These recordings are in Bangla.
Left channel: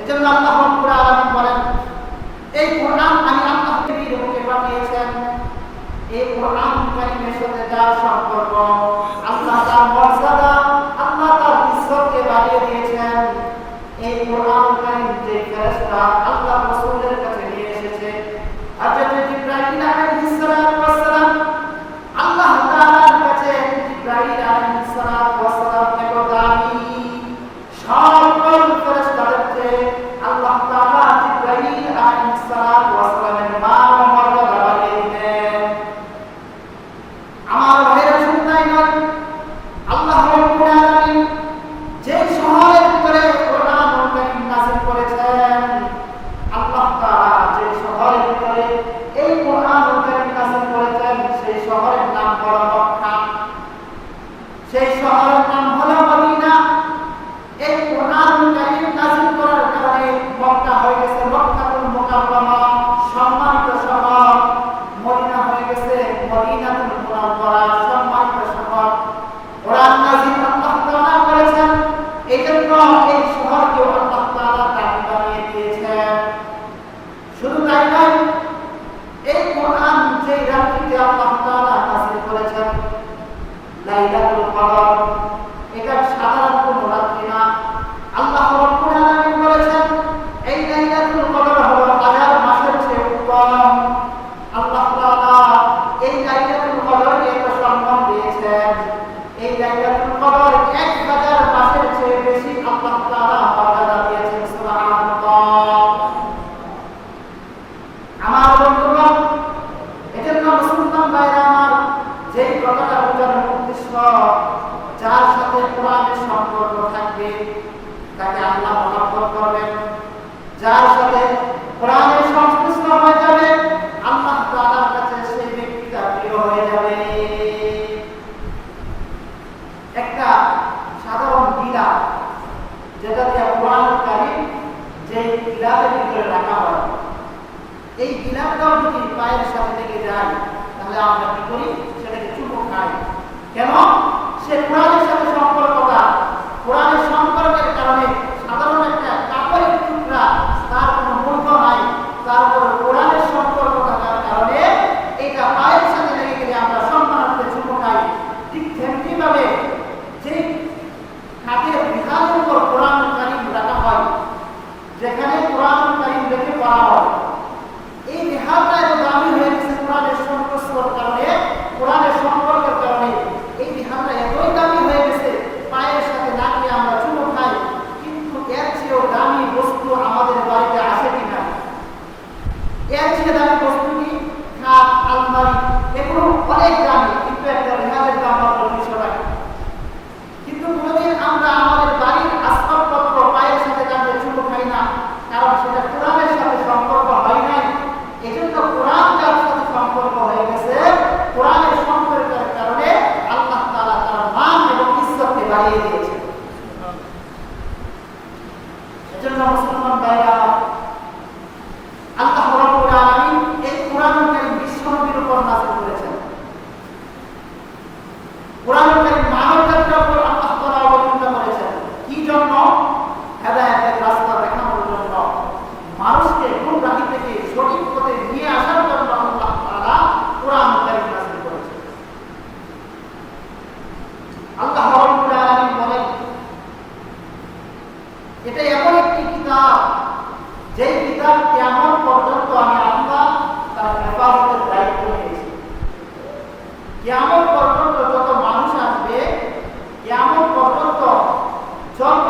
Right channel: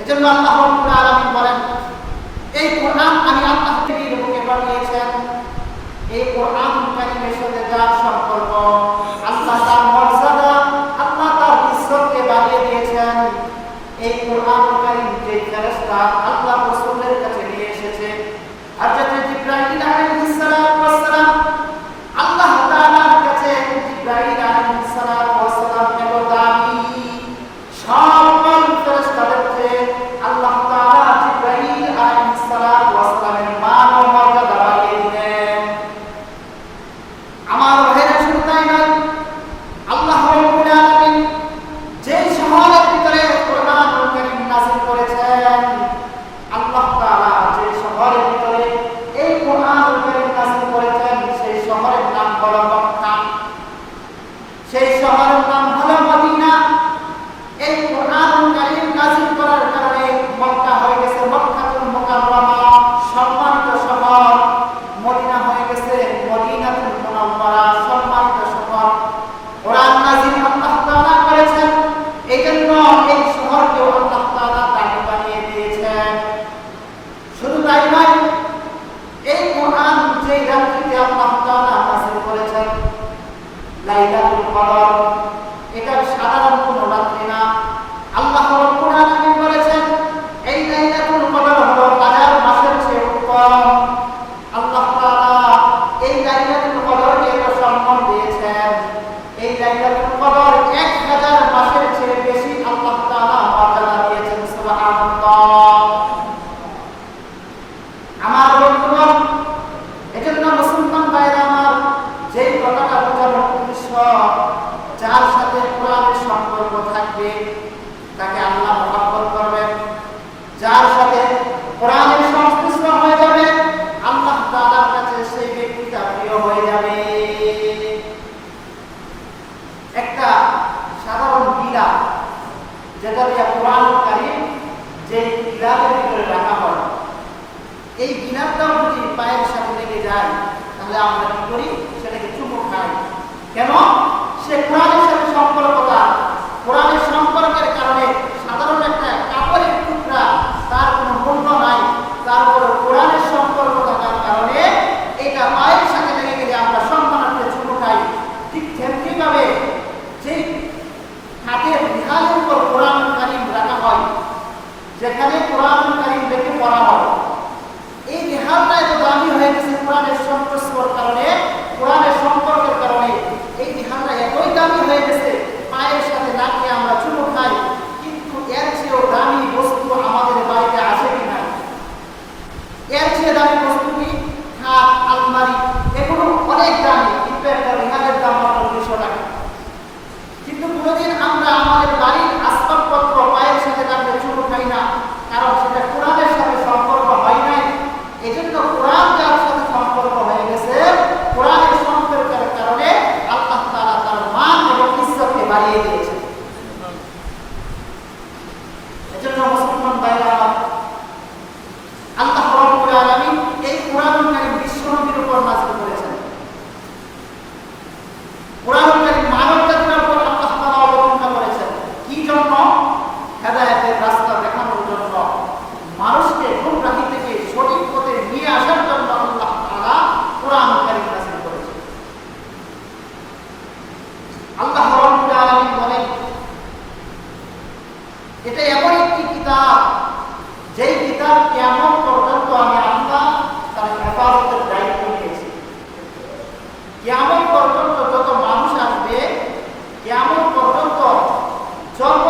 এজন্য আল্লাহ রাব্বুল আলামিন বলেন, এই কোরআন আমি আল্লাহ নবীর মুখে পাঠিয়েছেন। এই কোরআন কারীমের সাথে যার সম্পর্ক, আল্লাহ তার মর্যাদা, আল্লাহ তার ইজ্জতকে বাড়িয়ে দিয়েছেন। এই কোরআন কারীম যে ফেরেশতা আল্লাহ রাসূলের কাছে নিয়ে এসেছে, হযরত জিবরাইল আলাইহিস সালাম আল্লাহ তাআলার কাছে জিবরাইল আলাইহিস সালাম এত দামি, সকল ফেরেশতাদের চেয়ে আল্লাহ তাআলা জিবরাইল আলাইহিস সালামের মান ও মর্যাদা বাড়িয়ে দিলেন। আমার ভাইরা শুধু তাই নয়, আল্লাহ রাব্বুল আলামিন যে শহরের ভিতরে কোরআন কারীম নাযিল করেছেন, আল্লাহ তাআলা যে শহরের ভিতরে এই কোরআন কারীম নাযিল করেছেন, সেই শহরের নাম হলো মক্কা, সেই শহরের নাম হলো মদিনা। এই কোরআন কারীম নাযিল করার কারণে মক্কা হয়ে গেছে মক্কাতুল মুকাররমা, সম্মানিত শহর। মদিনা হয়ে গেছে মদিনাতুল মুনাওয়ারা, সম্মানিত শহর। কোরআন নাযিল আল্লাহ তাআলা করেছেন, এইজন্য এই শহরকে আল্লাহ তাআলা দামি বানিয়ে দিয়েছেন। শুধু তাই নয়, এই কোরআন যে রাত্রিতে আল্লাহ তাআলা নাযিল করেছেন, লাইলাতুল কদর, এটা সাধারণ কোনো রাত্রি না। আল্লাহ রাব্বুল আলামিন বলেছেন, এই লাইলাতুল কদর হলো হাজার মাসের চেয়ে উত্তম। আল্লাহ তাআলা এই লাইলাতুল কদরকে এত সম্মান দিয়েছেন। এই লাইলাতুল কদর 1000 মাসের চেয়ে বেশি আল্লাহ তাআলা মর্যাদা দিয়েছেন। সুবহানাল্লাহ। আমার বন্ধুগণ, এজন্য মুসলমান ভাইরা আমার, যেই কথাটা বোঝানোর উদ্দেশ্য, যার সাথে কোরআনের সম্পর্ক থাকবে তাকে আল্লাহ মহব্বত করবেন। যার সাথে কোরআনের সংশ্লিষ্ট হয়ে যাবে, আল্লাহ তাআলার কাছে সেই ব্যক্তিটা প্রিয় হয়ে যাবে। একটা সাধারণ গিলা, যেটা দিয়ে কোরআন কারীম যে গিলার ভিতরে রাখা হয়, এই গিলাটাও যদি পায়ের সাথে লেগে যায়, তাহলে আমরা কি করি? সেটাকে চুমো খাই। কেন? সে কোরআনের সাথে সম্পর্কটা, কোরআনের সম্পর্কের কারণে সাধারণ একটা কাপড়ের টুকরা, তার কোনো মূল্য নাই, তারপর কোরআনের সম্পর্ক থাকার কারণে এটা পায়ের সাথে লেগে গেলে আমরা সম্মানার্থে চুমো খাই। ঠিক তেমনি ভাবে যে খাটের বিহারের উপর কোরআন কারীম রাখা হয়, যেখানে কোরআন কারীম রেখে পড়া হয়, এই বিহারটা এত দামি হয়ে গেছে কোরআনের সংস্পর্শের কারণে, কোরআনের সম্পর্কের কারণে এই বিহারটা এতই দামি হয়ে গেছে, পায়ের সাথে লাগিয়ে আমরা চুমো খাই। কিন্তু এর চেয়েও দামি বস্তু আমাদের বাড়িতে আসে কি না? এর চেয়ে দামি বস্তু কি? খাট, আলমারি, এগুলো অনেক দামি, কিন্তু একটা বিহারের দাম মাত্র 200 টাকা। কিন্তু কোনোদিন আমরা আমাদের বাড়ির আসবাবপত্র পায়ের সাথে রাখলে চুমো খাই না, কারণ সেটা কোরআনের সাথে সম্পর্ক হয় নাই। এই জন্য কোরআন যার সাথে সম্পর্ক হয়ে গেছে, কোরআনের সম্পর্কের কারণে আল্লাহ তাআলা তার মান এবং ইজ্জতকে বাড়িয়ে দিয়েছেন। এজন্য মুসলমান ভাইরা, আল্লাহ রাব্বুল আলামিন এই কোরআন কারীম বিশ্ব নবীর উপর নাযিল করেছেন। কোরআন কারীম মানব জাতির উপর আল্লাহ তাআলা অবতীর্ণ করেছেন। কি জন্য? হেদায়েতের রাস্তা দেখানোর জন্য, মানুষকে গুমরাহি থেকে সঠিক পথে নিয়ে আসার জন্য আল্লাহ তাআলা কোরআন কারীম নাযিল করেছেন। আল্লাহ রাব্বুল আলামিন বলেন, এটা এমন একটি কিতাব, যেই কিতাব কিয়ামত পর্যন্ত আমি আল্লাহ তার হেফাজতের দায়িত্ব নিয়েছি। কিয়ামত পর্যন্ত যত মানুষ আসবে, কিয়ামত পর্যন্ত যত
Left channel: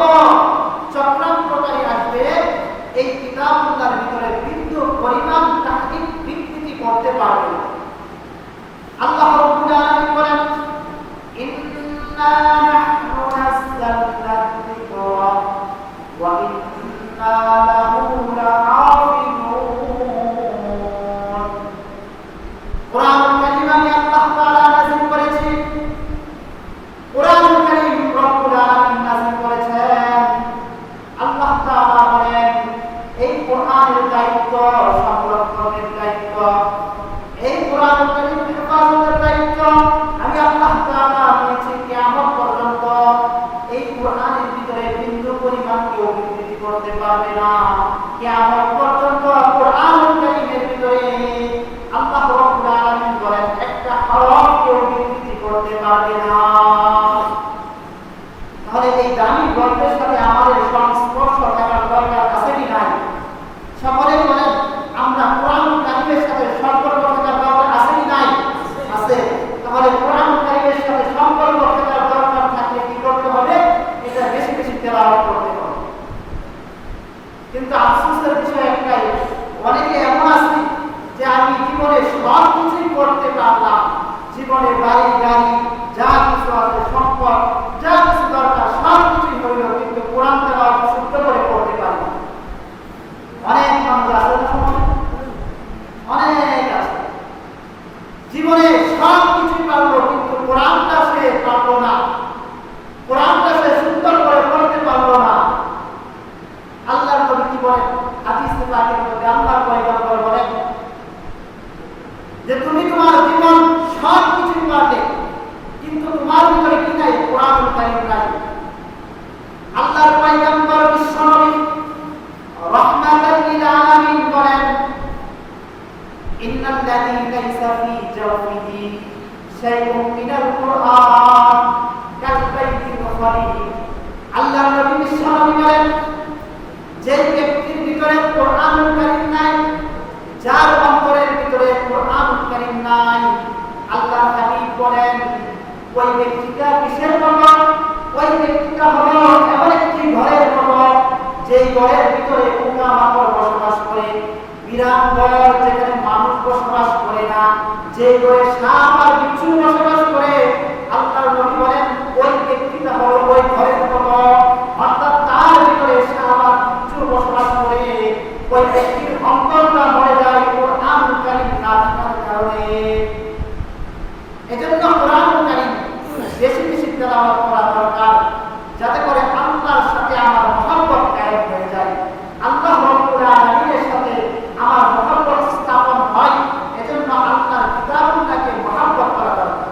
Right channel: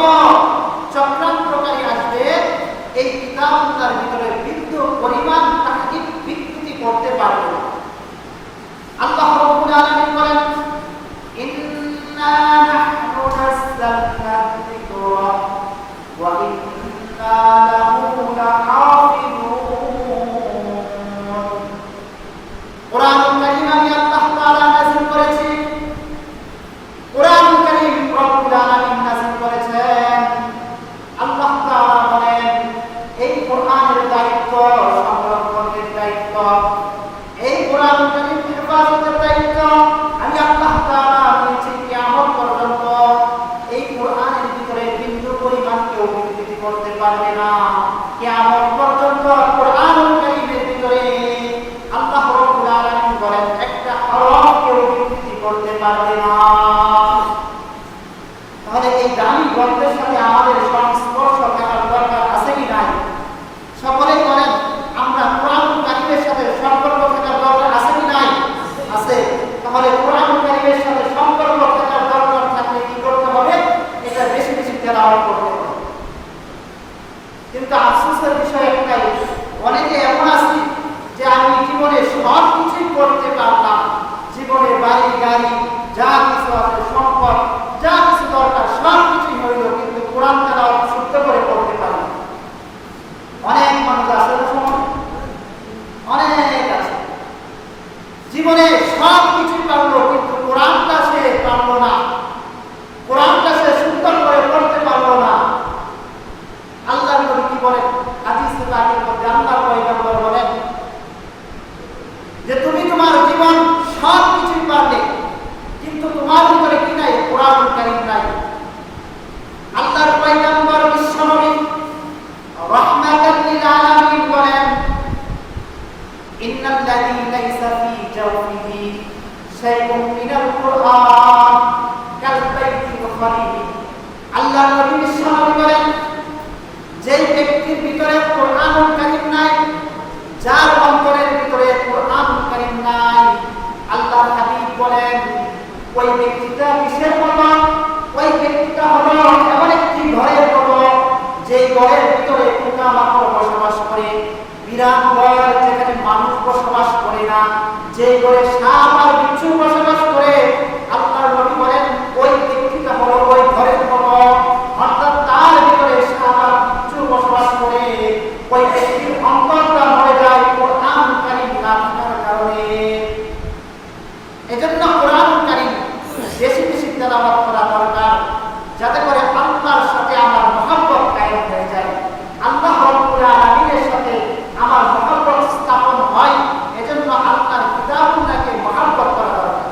চক্রান্তকারী আসবে, এই কিতাবটার ভিতরে বিন্দু পরিমাণ তাহকিক বিকৃতি করতে পারবে না। আল্লাহ রাব্বুল আলামিন বলেন, ইন্না নাহনু নাযালনা যিকরা ওয়া ইন্না লাহু লাহাফিজুন। কোরআন কারীম আমি আল্লাহ তাআলা নাযিল করেছি। কোরআন কারীম রব্বুল আলামিন নাযিল করেছেন। আল্লাহ তাআলা বলেন, এই কোরআনের দায়িত্ব, সংরক্ষণের দায়িত্ব, এই কোরআন কারীম হেফাজতের দায়িত্ব আমি আল্লাহ তাআলা নিয়েছি। কিয়ামত পর্যন্ত এই কোরআনের ভিতরে বিন্দু পরিমাণ কেউ বিকৃতি করতে পারবে না। কিয়ামত পর্যন্ত কোরআনুল কারীমের ভিতরে আল্লাহ রাব্বুল আলামিন বলেন একটা হরফ কেউ বিকৃতি করতে পারবে না। তাহলে এই দামি গ্রন্থের সাথে আমাদের সংস্পর্শ থাকার দরকার আছে কি নাই? সকলে বলেন আমরা কোরআনুল কারীমের সাথে সম্পর্ক থাকার দরকার আছে কি নাই? আছে। তাহলে কোরআনুল কারীমের সাথে সম্পর্ক থাকার দরকার থাকলে কি করতে হবে? এটা বেশি বেশি তেলাওয়াত করতে হবে। কিন্তু আফসোসের বিষয় একটাই, অনেকে এমন আছে যে আমি জীবনে সব কিছুই করতে পারলাম, জীবনে বাড়ি গাড়ি যা কিছু আছে সম্পদ যা কিছু দরকার সব কিছুই হইল, কিন্তু কোরআন তেলাওয়াত শুদ্ধ করে পড়তে পারি। অনেক মানুষ আছে না সমাজে, অনেক আছে জীবনে সব কিছুই পারলো কিন্তু কোরআনটা সে পারলো না, কোরআনটা সে সুন্দর করে পড়তে পারলো না। আল্লাহর নবী কি বলেন হাদিসে পাকের মধ্যে? আল্লাহর পয়গম্বর বলেন যে তুমি তোমার জীবন সব কিছুই পারলে কিন্তু তোমার ভিতরে কি নাই? কোরআনুল কারীম নাই। আল্লাহর পয়গম্বর বিশ্বনবী রাহমাতাল লিল আলামিন বলেন ইন্নাল্লাযী লাইসা ফী জাওফিহি শাইউন মিনাল কুরআন কাল বাইতিল খারীব। আল্লাহর নবী বিশ্বনবী বলেন যে ব্যক্তির ভিতরে কোরআনুল কারীম নাই, যার অন্তরের ভিতরে কোরআনুল কারীম নাই, আল্লাহর হাবিব বলেন ওই ব্যক্তিটা কিসের মতো? ওই ব্যক্তিটা হলো এমন একটি ঘরের মতো যে ঘরের ভিতরে পোকামাকড় বসবাস করে, বিরাট ঘর যেখানে মানুষ বসবাস করে না, যে ঘরে সাপ আর বিচ্ছু বসবাস করে। আল্লাহর নবী বলেন ওই ব্যক্তিটা হলো ওই ঘরের মতো, অর্থাৎ তার ভিতরে সাপ আর বিচ্ছু বসবাস করে। ওই ব্যক্তির অন্তরটা মরে যায় কোরআনুল কারীম না থাকার কারণে। এজন্য কোরআনুল কারীম বেশি বেশি তেলাওয়াত করা দরকার, যাতে করে আল্লাহর সাথে আমার মহব্বত কায়েম হয়ে যায়, আল্লাহ রাব্বুল আলামিনের সাথে আমার মহব্বত স্থাপন হয়। এজন্য আল্লাহর কিতাবুল্লাহকে মহব্বত করা দরকার।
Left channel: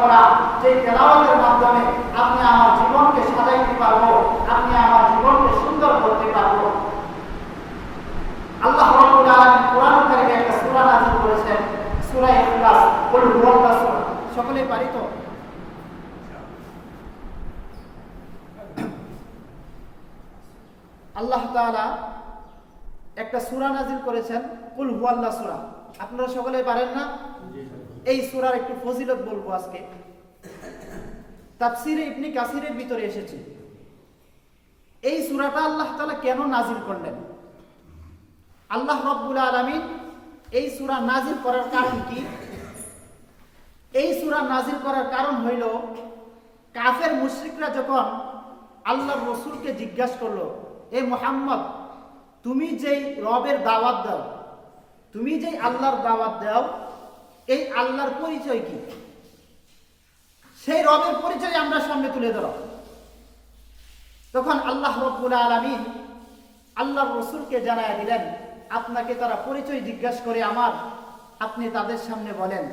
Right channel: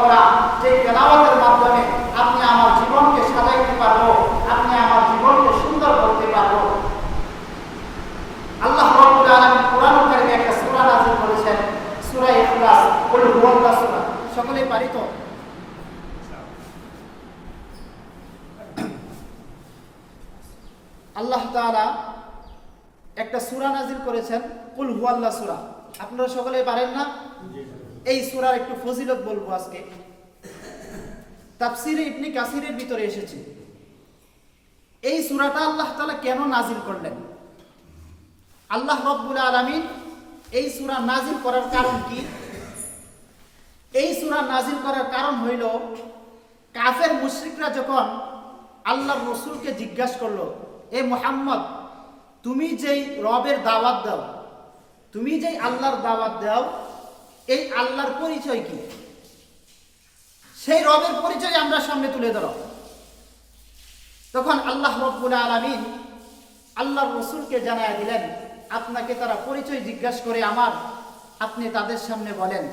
করা, যে তেলাওয়াতের মাধ্যমে আপনি আমার জীবনকে সাজাইতে পারবো, আপনি আমার জীবনকে সুন্দর করতে পারবো। আল্লাহ রাব্বুল আলামিন কোরআন কারীমে একটা সূরা নাযিল করেছেন, সূরা ইখলাস, কুল হুয়াল্লাহু সূরা। সকলেই পারি তো? আল্লাহ তাআলা একটা সূরা নাযিল করেছেন, কুল হুয়াল্লাহু সূরা। আপনারা সকলেই পারেন না? এই সূরার একটু ফজিলত বলবো আজকে। তাফসীরে ইবনে কাসিরের ভিতরে এসেছে এই সূরাটা আল্লাহ তাআলা কেন নাযিল করলেন। আল্লাহ রাব্বুল আলামিন এই সূরা নাযিল করার কারণ কি? এই সূরা নাযিল করার কারণ হইল, কাফের মুশরিকরা যখন আল্লাহর রাসূলকে জিজ্ঞাসা করলো, এ মুহাম্মদ, তুমি যেই রবের দাওয়াত দাও, তুমি যেই আল্লাহর দাওয়াত দাও, এই আল্লাহর পরিচয় কি? সেই রবের পরিচয় আমরা সামনে তুলে ধরো। তখন আল্লাহ রাব্বুল আলামিন আল্লাহর রাসূলকে জানায়া দিলেন, আপনাকে তারা পরিচয় জিজ্ঞাসা করে আমার, আপনি তাদের সামনে বলেন।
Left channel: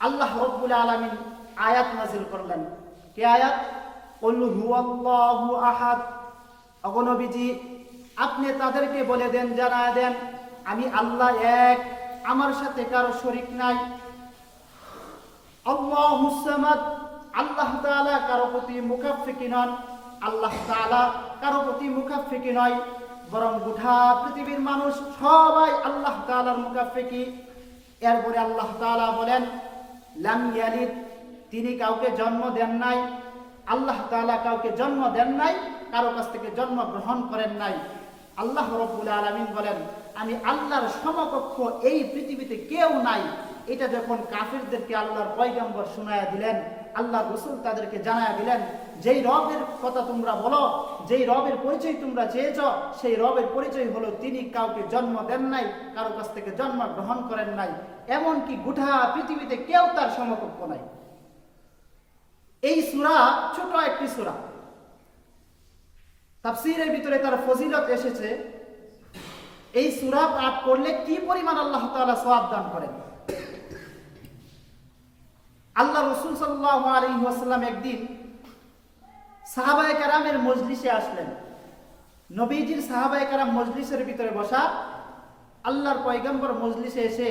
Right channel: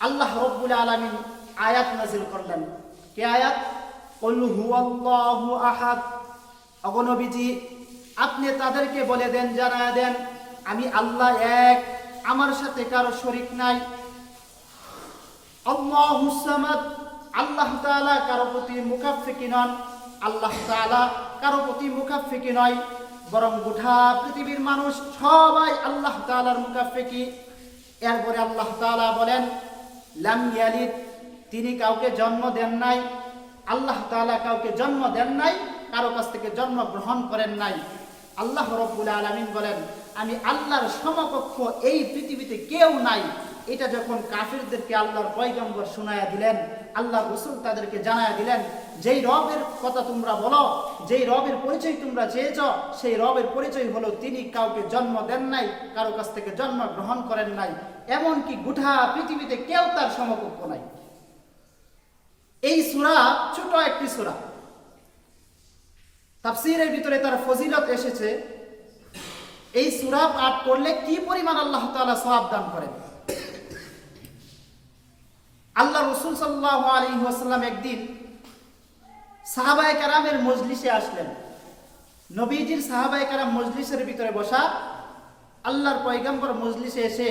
আল্লাহ রাব্বুল আলামিন আয়াত নাযিল করলেন। কি আয়াত? কুল হুয়াল্লাহু আহাদ। ওগো নবীজি, আপনি তাদেরকে বলে দেন, জানায়া দেন, আমি আল্লাহ এক, আমার সাথে কারো শরীক নাই। আল্লাহুস সামাদ, আল্লাহ তাআলা কারো প্রতি মুখাফফিকি নন। আল্লাহ তাআলা কারো প্রতি মুখাফফিকি নয়, বরং গোটা পৃথিবীর মানুষ সবাই আল্লাহ তাআলার মুখাফফিকি। এরপরে আল্লাহ তাআলা বলেন, লাম ইয়ালিদ, তিনি কাউকে জন্ম দেন নাই। আল্লাহ তাআলা কাউকে জন্ম দেন নাই, কারো কাছ থেকে জন্ম গ্রহণ করেন নাই। আল্লাহ রাব্বুল আলামিন বলেন, আমি আল্লাহর সমকক্ষ এই পৃথিবীতে কেউ নাই। এটা যখন কাফিরদেরকে আল্লাহর পয়গম্বর শোনায়া দিলেন, আল্লাহর রাসূল তাদেরকে জানায়া দিলেন, যেই রবের কথা তোমরা বলো, যেই রবের পরিচয় তোমরা চেয়েছ, সেই রবের পরিচয় হলো তিনি কাউকে জন্ম দেন নাই, কারো কাছ থেকে জন্ম গ্রহণ করেন নাই, এমনকি গোটা পৃথিবীতে কেউ তার সমকক্ষ নাই। এই সূরা ছোট একটি সূরা, তাফসীরের ভিতরে তার ফজিলত এসেছে। এই সূরা পাঠ করলে কি পরিমাণ আল্লাহ তাআলা সওয়াব দান করেন। আল্লাহ রাসূল সাল্লাল্লাহু আলাইহি ওয়াসাল্লাম একদিন সাহাবায়ে কেরামের মজলিসে আসলেন। নবীজির সাহাবায়ে কেরাম মজলিসের ভিতরে বসা, আল্লাহর পয়গম্বর মজলিসে এসে